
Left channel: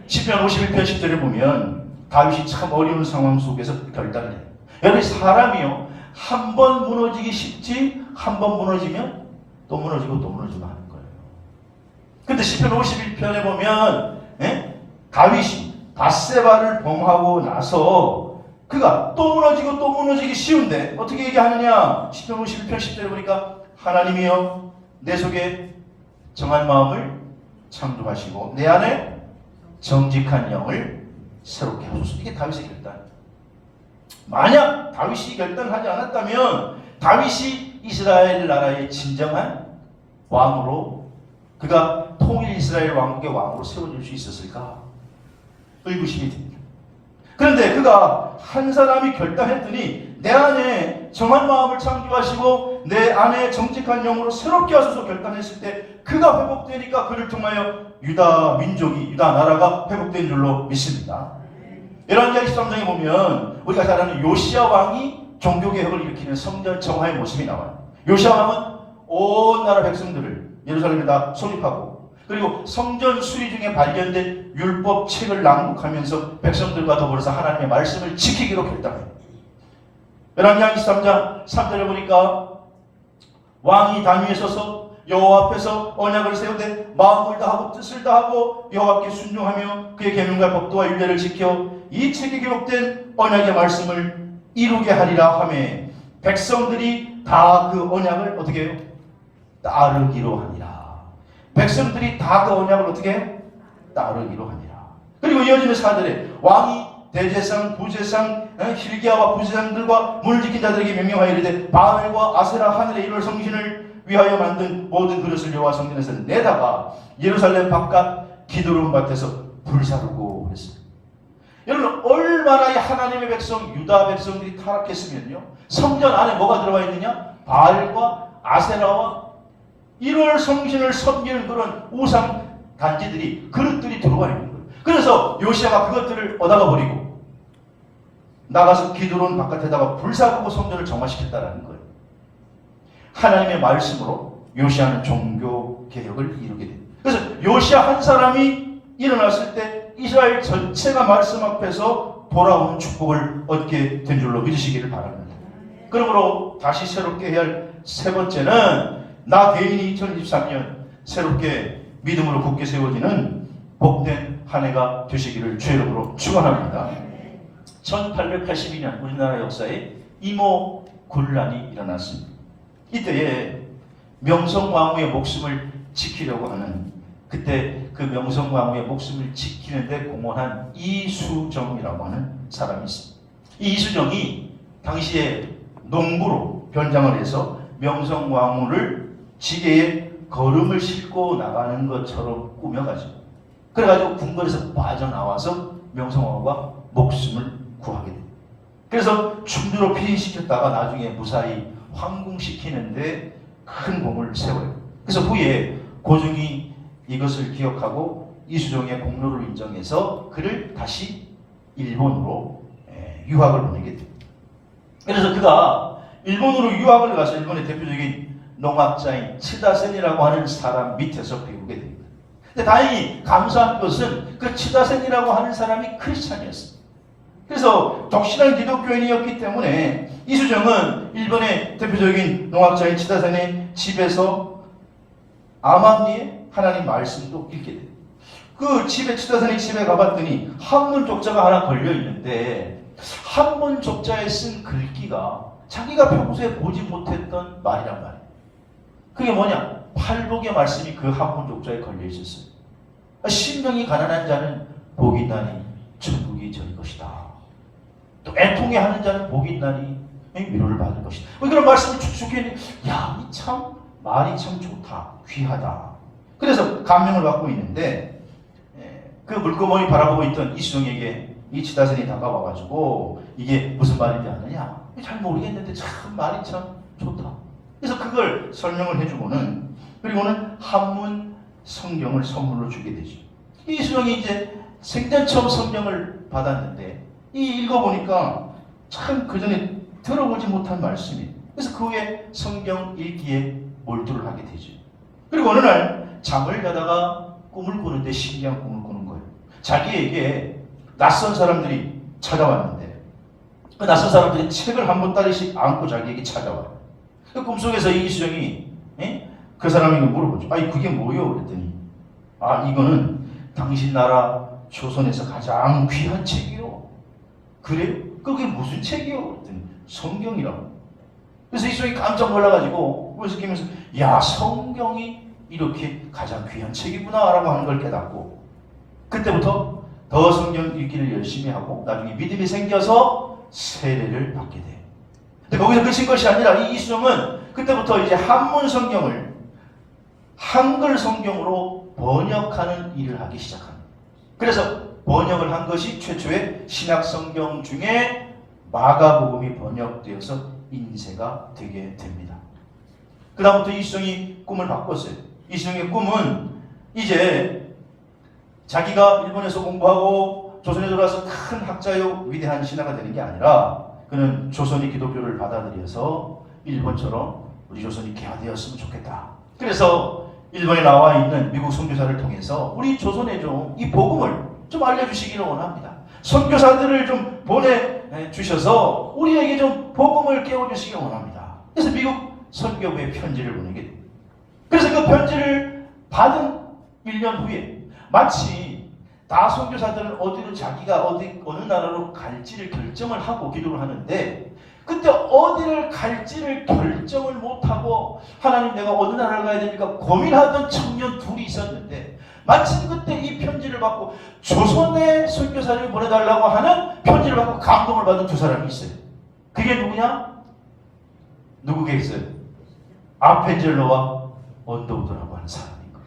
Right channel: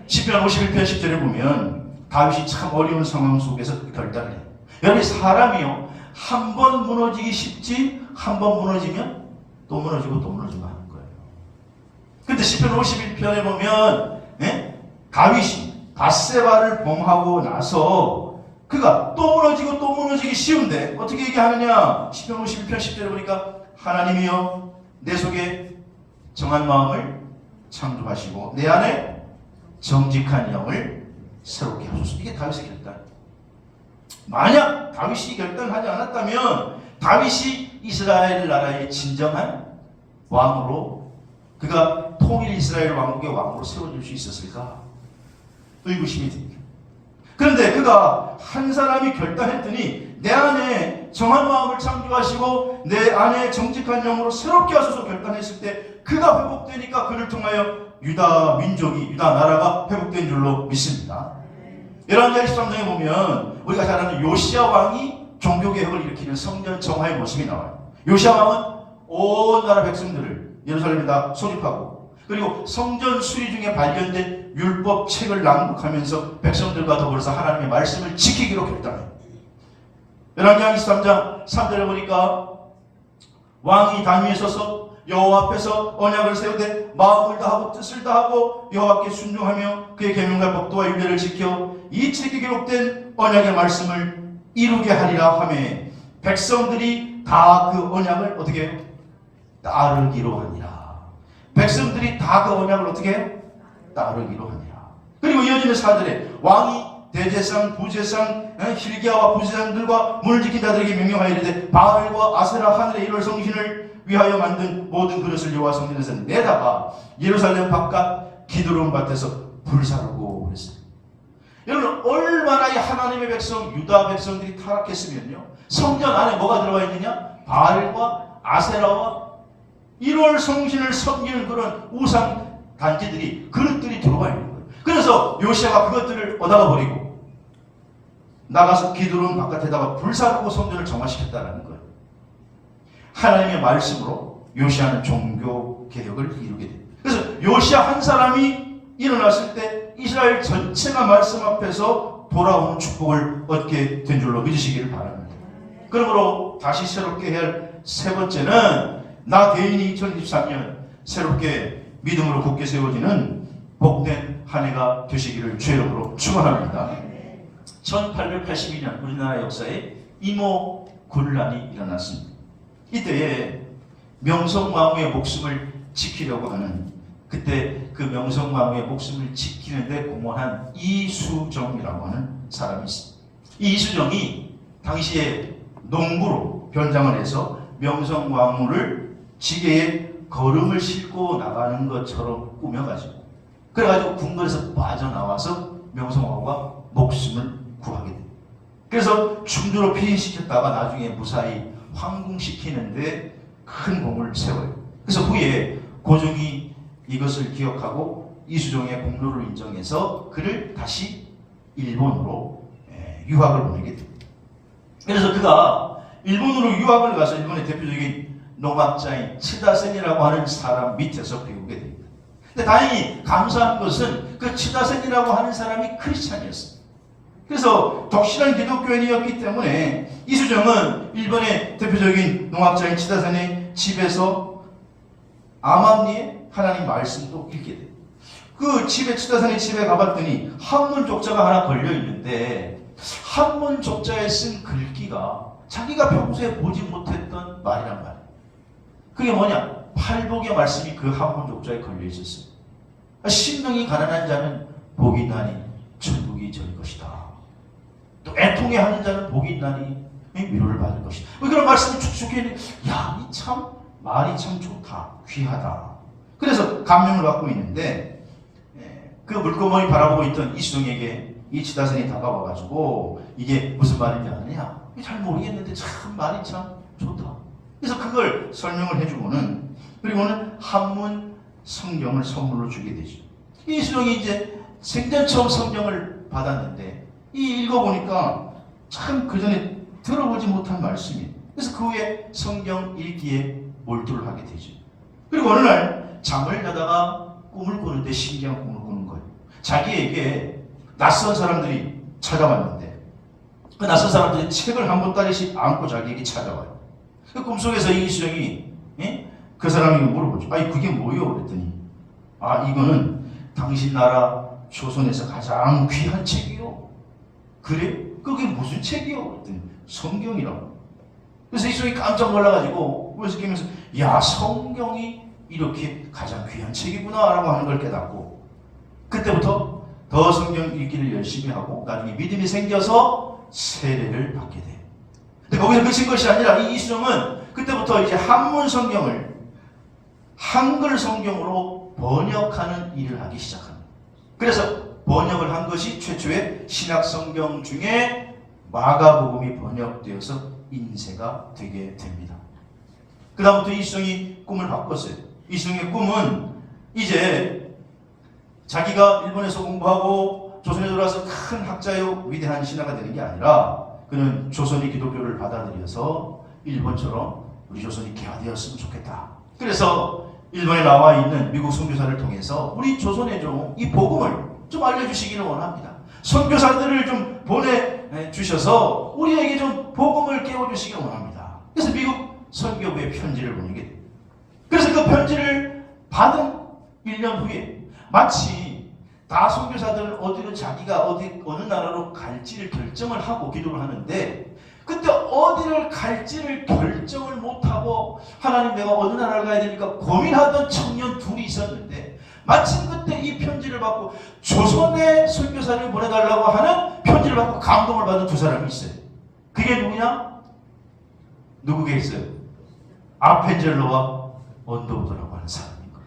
시편 51편 10절에 보면 다윗이 참 어려운 상황 속에서 결단을 해요. 여러분, 사람이요, 한 번 무너지기 쉽지 한 번 무너지면 또 무너지고 또 무너지고 하는 거예요. 근데 시편 51편에 보면 다윗이 밧세바를 범하고 나서 그가 또 무너지고 또 무너지기 쉬운데 어떻게 얘기하느냐? 시편 51편 10절에 보니까 하나님이여 내 속에 정한 마음을 창조하시고 내 안에 정직한 영을 새롭게 하소서. 이게 다윗의 결단. 만약 다윗이 결단하지 않았다면 다윗이 이스라엘 나라의 진정한 왕으로 그가 통일 이스라엘 왕국의 왕으로 세워질 수 있었을까? 의구심이 듭니다. 그런데 그가 한 사람이 결단했더니 내 안에 정한 마음을 창조하시고 내 안에 정직한 영으로 새롭게 하소서 결단했을 때 그가 회복되니까 그를 통하여 유다 민족이, 유다 나라가 회복된 줄로 믿습니다. 열왕기하 13장에 보면 우리가 잘 아는 요시야 왕이 종교개혁을 일으키는 성전 정화의 모습이 나와요. 요시야 왕은 온 나라 백성들을 예루살렘에다 소집하고 그리고 성전 수리 중에 발견된 율법 책을 낭독하면서 백성들과 더불어서 하나님의 말씀을 지키기로 결단해요. 열왕기하 23장 3절에 보니까 왕이 담위에 서서 여호와 앞에서 언약을 세우되 마음을 다하고 뜻을 다하고 여호와께 순종하며 그의 계명과 법도와 율례를 지켜 이 책에 기록된 언약의 말씀을 이루게 하리라 하매 백성들이 다 그 언약을 어떻게 해요? 따르기로 하니라. 백성들이 다 그 언약을 어떻게 해요? 따르기로 하니라. 그리고 이어지는 사절에 왕이 대제상, 부제상, hil기야와 부제상들과 문을 지킨 자들에게 명령하여 이르되 바알과 아세라 하늘의 일월 성신을 위하여 만든 모든 그릇을 여호와 성전에서 내다가 예루살렘 바깥 기드론 밭에서 불사르고 그랬어요. 여러분, 얼마나 이 하나님의 백성, 유다 백성들이 타락했으면요, 성전 안에 뭐가 들어가 있느냐? 바알과 아세라와 1월 성신을 섬기는 그런 우상 단지들이, 그릇들이 들어가 있는 거예요. 그래서 요시야가 그것들을 얻어가 버리고 나가서 기드론 바깥에다가 불사르고 성전을 정화시켰다는 거예요. 하나님의 말씀으로 요시야는 종교 개혁을 이루게 됩니다. 그래서 요시야 한 사람이 일어났을 때 이스라엘 전체가 말씀 앞에서 돌아오는 축복을 얻게 된 줄로 믿으시기를 바랍니다. 그러므로 다시 새롭게 해야 할 세 번째는 나 개인이 2023년 새롭게 믿음으로 굳게 세워지는 복된 한 해가 되시기를 주의 이름으로 축원합니다. 1882년 우리나라 역사에 이모 군란이 일어났습니다. 이때에 명성왕후의 목숨을 지키려고 하는, 그때 그 명성왕후의 목숨을 지키는데 공헌한 이수정이라고 하는 사람이 있습니다. 이 이수정이 당시에 농부로 변장을 해서 명성왕후를 지게에 걸음을 싣고 나가는 것처럼 꾸며가지고 그래가지고 궁궐에서 빠져나와서 명성황후가 목숨을 구하게 됩니다. 그래서 충주로 피신시켰다가 나중에 무사히 황궁시키는데 큰 공을 세워요. 그래서 후에 고종이 이것을 기억하고 이수종의 공로를 인정해서 그를 다시 일본으로 유학을 보내게 됩니다. 그래서 그가 일본으로 유학을 가서 일본의 대표적인 농학자인 츠다센이라고 하는 사람 밑에서 배우게 됩니다. 근데 다행히 감사한 것은 그 츠다센이라고 하는 사람이 크리스찬이었습니다. 그래서 독실한 기독교인이었기 때문에 이수정은 일본의 대표적인 농학자인 츠다센의 집에서 암암리에 하나님 말씀도 읽게 돼요. 그 집에 츠다센의 집에 가봤더니 한문 족자가 하나 걸려 있는데 한문 족자에 쓴 글귀가 자기가 평소에 보지 못했던 말이란 말이에요. 그게 뭐냐? 팔복의 말씀이 그 한문 족자에 걸려 있었어요. 심령이 가난한 자는 복이 있나니 천국이 될 것이다. 또 애통해 하는 자는 복이 있나니 위로를 받을 것이다. 그런 말씀이 축축해 있는, 야, 이 참 말이 참 좋다, 귀하다. 그래서 감명을 받고 있는데 그 물고머니 바라보고 있던 이수정에게 이 츠다센이 다가와가지고 이게 무슨 말인지 아느냐? 잘 모르겠는데 참 말이 참 좋다. 그래서 그걸 설명을 해주고는, 그리고는 한문 성경을 선물로 주게 되죠. 이수정이 이제 생전 처음 성경을 받았는데 이 읽어보니까 참 그전에 들어보지 못한 말씀이에요. 그래서 그 후에 성경 읽기에 몰두를 하게 되죠. 그리고 어느 날 잠을 자다가 꿈을 꾸는데 신기한 꿈을 꾸는 거예요. 자기에게 낯선 사람들이 찾아왔는데 그 낯선 사람들이 책을 한 보따리씩 안고 자기에게 찾아와요. 그 꿈속에서 이수정이 그 사람에게 물어보죠. 아니 그게 뭐예요? 그랬더니 이거는 당신 나라 조선에서 가장 귀한 책이요. 그래? 그게 무슨 책이요? 그랬더니 성경이라고. 그래서 이수정이 깜짝 놀라가지고 그래서 깨면서 야, 성경이 이렇게 가장 귀한 책이구나 라고 하는 걸 깨닫고 그때부터 더 성경 읽기를 열심히 하고 나중에 믿음이 생겨서 세례를 받게 돼요. 근데 거기서 그친 것이 아니라 이 이수정은 그때부터 이제 한문 성경을 한글 성경으로 번역하는 일을 하기 시작합니다. 그래서 번역을 한 것이 최초의 신약 성경 중에 마가복음이 번역되어서 인쇄가 되게 됩니다. 그 다음부터 이수정이 꿈을 바꿨어요. 이수정의 꿈은 이제 자기가 일본에서 공부하고 조선에 들어와서 큰 학자요 위대한 신하가 되는 게 아니라 그는 조선이 기독교를 받아들여서 일본처럼 우리 조선이 개화되었으면 좋겠다. 그래서 일본에 나와 있는 미국 선교사를 통해서 우리 조선에 좀 이 복음을 좀 알려주시기를 원합니다. 선교사들을 좀 보내주셔서 우리에게 좀 복음을 깨워주시기를 원합니다. 그래서 미국 선교부에 편지를 보내게 됩니다. 그래서 그 편지를 받은 1년 후에 마치 다 선교사들은 어디로 자기가 어느 나라로 갈지를 결정을 하고 기도를 하는데 그때 어디를 갈지를 결정을 못하고 하나님 내가 어느 나라를 가야 되니까 고민하던 청년 둘이 있었는데 마침 그때 이 편지를 받고 조선의 선교사를 보내달라고 하는 편지를 받고 감동을 받은 두 사람이 있어요. 그게 누구냐? 누구게 있어요? 아펜젤러와 언더우드라고 하는 사람입니다.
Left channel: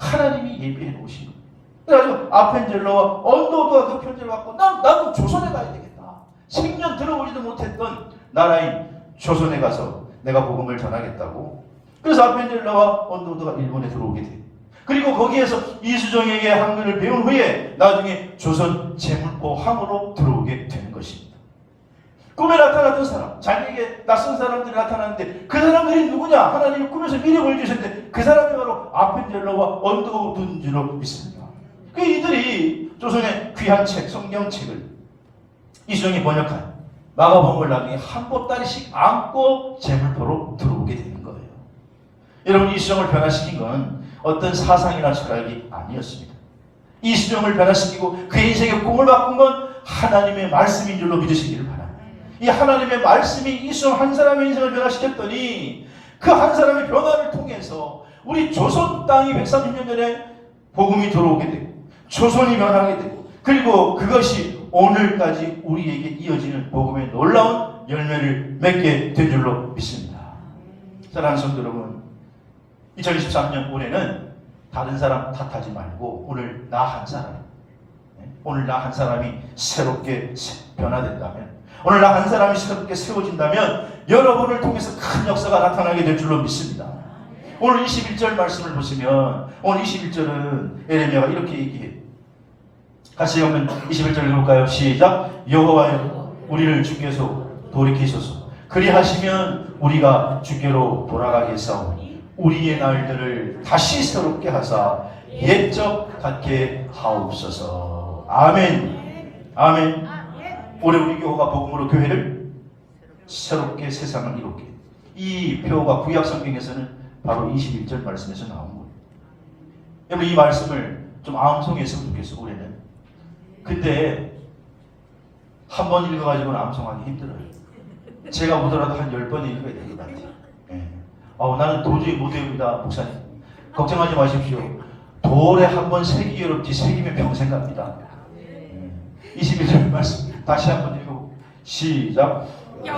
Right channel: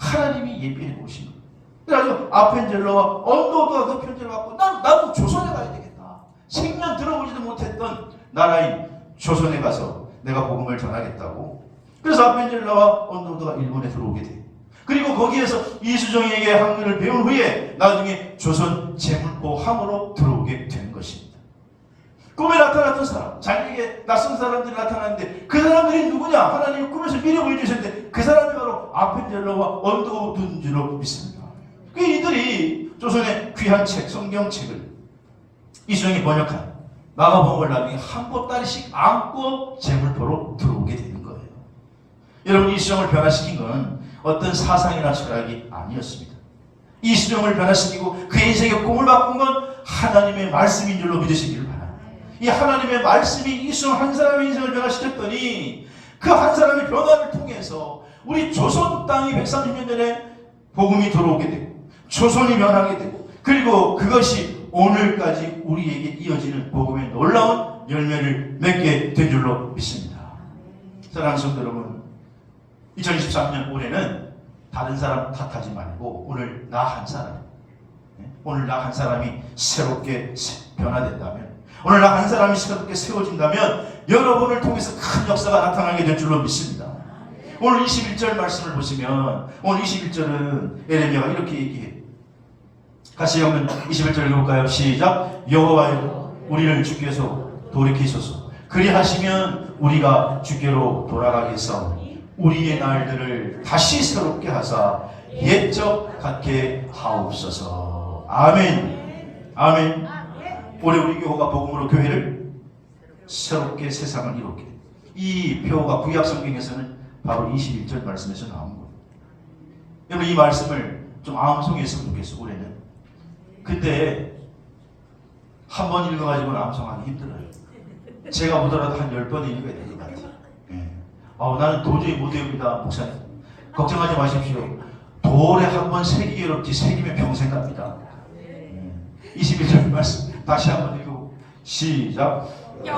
하나님이 예비해 놓으신 거예요. 그래가지고 아펜젤러와 언더우드가 그 편지를 받고 나도 조선에 가야 되겠다. 생전 들어보지도 못했던 나라인 조선에 가서 내가 복음을 전하겠다고. 그래서 아펜젤러와 언더우드가 일본에 들어오게 돼요. 그리고 거기에서 이수정에게 한글을 배운 후에 나중에 조선 제물포 함으로 들어오게 된 것입니다. 꿈에 나타났던 사람, 자기에게 낯선 사람들이 나타났는데 그 사람들이 누구냐? 하나님이 꿈에서 미리 보여주셨는데 그 사람이 바로 아펜젤러와 언더우드인 줄로 믿습니다. 그 이들이 조선의 귀한 책, 성경책을 이수정이 번역한 마가복음을 나중에 한 보따리씩 안고 제물포로 들어오게 되는 거예요. 여러분, 이수정을 변화시킨 건 어떤 사상이나 철학이 아니었습니다. 이수정을 변화시키고 그의 인생의 꿈을 바꾼 건 하나님의 말씀인 줄로 믿으시기를 바랍니다. 이 하나님의 말씀이 이수정 한 사람의 인생을 변화시켰더니 그 한 사람의 변화를 통해서 우리 조선 땅이 130년 전에 복음이 들어오게 되고 조선이 변하게 되고 그리고 그것이 오늘까지 우리에게 이어지는 복음의 놀라운 열매를 맺게 된 줄로 믿습니다. 사랑하는 성도 여러분, 2023년 올해는 다른 사람 탓하지 말고 오늘 나 한 사람, 오늘 나 한 사람이 새롭게 변화된다면, 오늘 나 한 사람이 새롭게 세워진다면 여러분을 통해서 큰 역사가 나타나게 될 줄로 믿습니다. 오늘 21절 말씀을 보시면 오늘 21절은 에레미야가 이렇게 얘기해요. 같이 한번 21절 읽을까요? 시작. 여호와여 우리를 주께서 돌이키소서. 그리하시면 우리가 주께로 돌아가겠사오니 우리의 날들을 다시 새롭게 하사 옛적 같게 하옵소서. 아멘. 아멘. 올해 우리 교회가 복음으로 교회를 새롭게 세상을 이롭게. 이 표가 구약 성경에서는 바로 21절 말씀에서 나온 거예요. 여러분 이 말씀을 좀 암송했으면 좋겠어 올해는. 근데 한 번 읽어가지고 암송하기 힘들어요. 제가 보더라도 한 10번 읽어야 될 것 같아요. 네. 나는 도저히 못해옵니다 목사님. 걱정하지 마십시오. 돌에 한 번 새기기 어렵지 새기면 평생 갑니다. 21절 말씀 다시 한번 읽고 시작.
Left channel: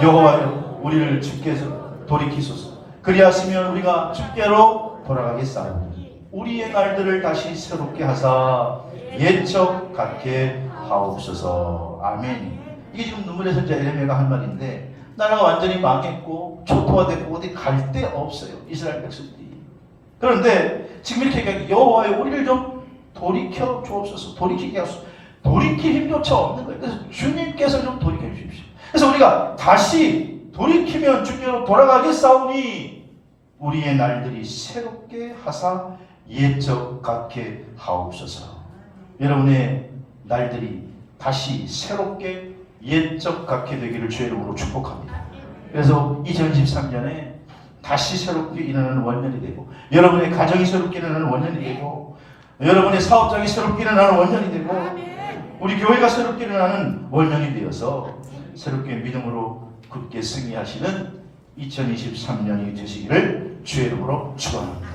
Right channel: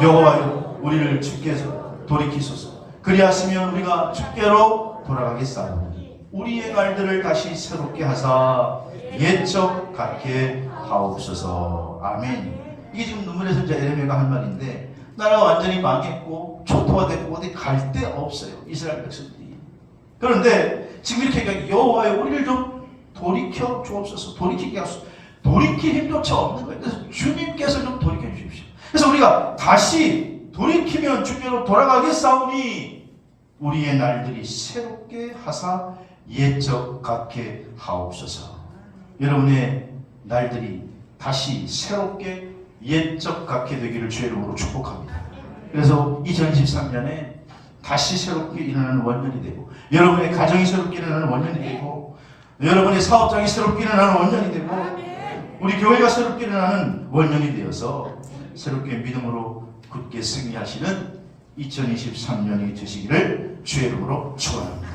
여호와여 우리를 주께서 돌이키소서. 그리하시면 우리가 주께로 돌아가겠사오니 우리의 날들을 다시 새롭게 하사 옛적 같게 하옵소서. 아멘. 이게 지금 눈물의 선자 에레미야가 한 말인데 나라가 완전히 망했고 초토화됐고 어디 갈 데 없어요 이스라엘 백성들이. 그런데 지금 이렇게 얘기하면 여호와여 우리를 좀 돌이켜 주옵소서. 돌이키게 하소서. 돌이킬 힘조차 없는 거예요. 그래서 주님께서 좀 돌이켜 주십시오. 그래서 우리가 다시 돌이키면 주께로 돌아가겠사오니 우리의 날들이 새롭게 하사 옛적 같게 하옵소서. 여러분의 날들이 다시 새롭게 옛적 같게 되기를 주의 이름으로 축복합니다. 그래서 2023년에 다시 새롭게 일어나는 원년이 되고 여러분의 가정이 새롭게 일어나는 원년이 되고 여러분의 사업장이 새롭게 일어나는 원년이 되고 우리 교회가 새롭게 일어나는 원년이 되어서 새롭게 믿음으로 굳게 승리하시는 2023년이 되시기를 주의 이름으로 축원합니다.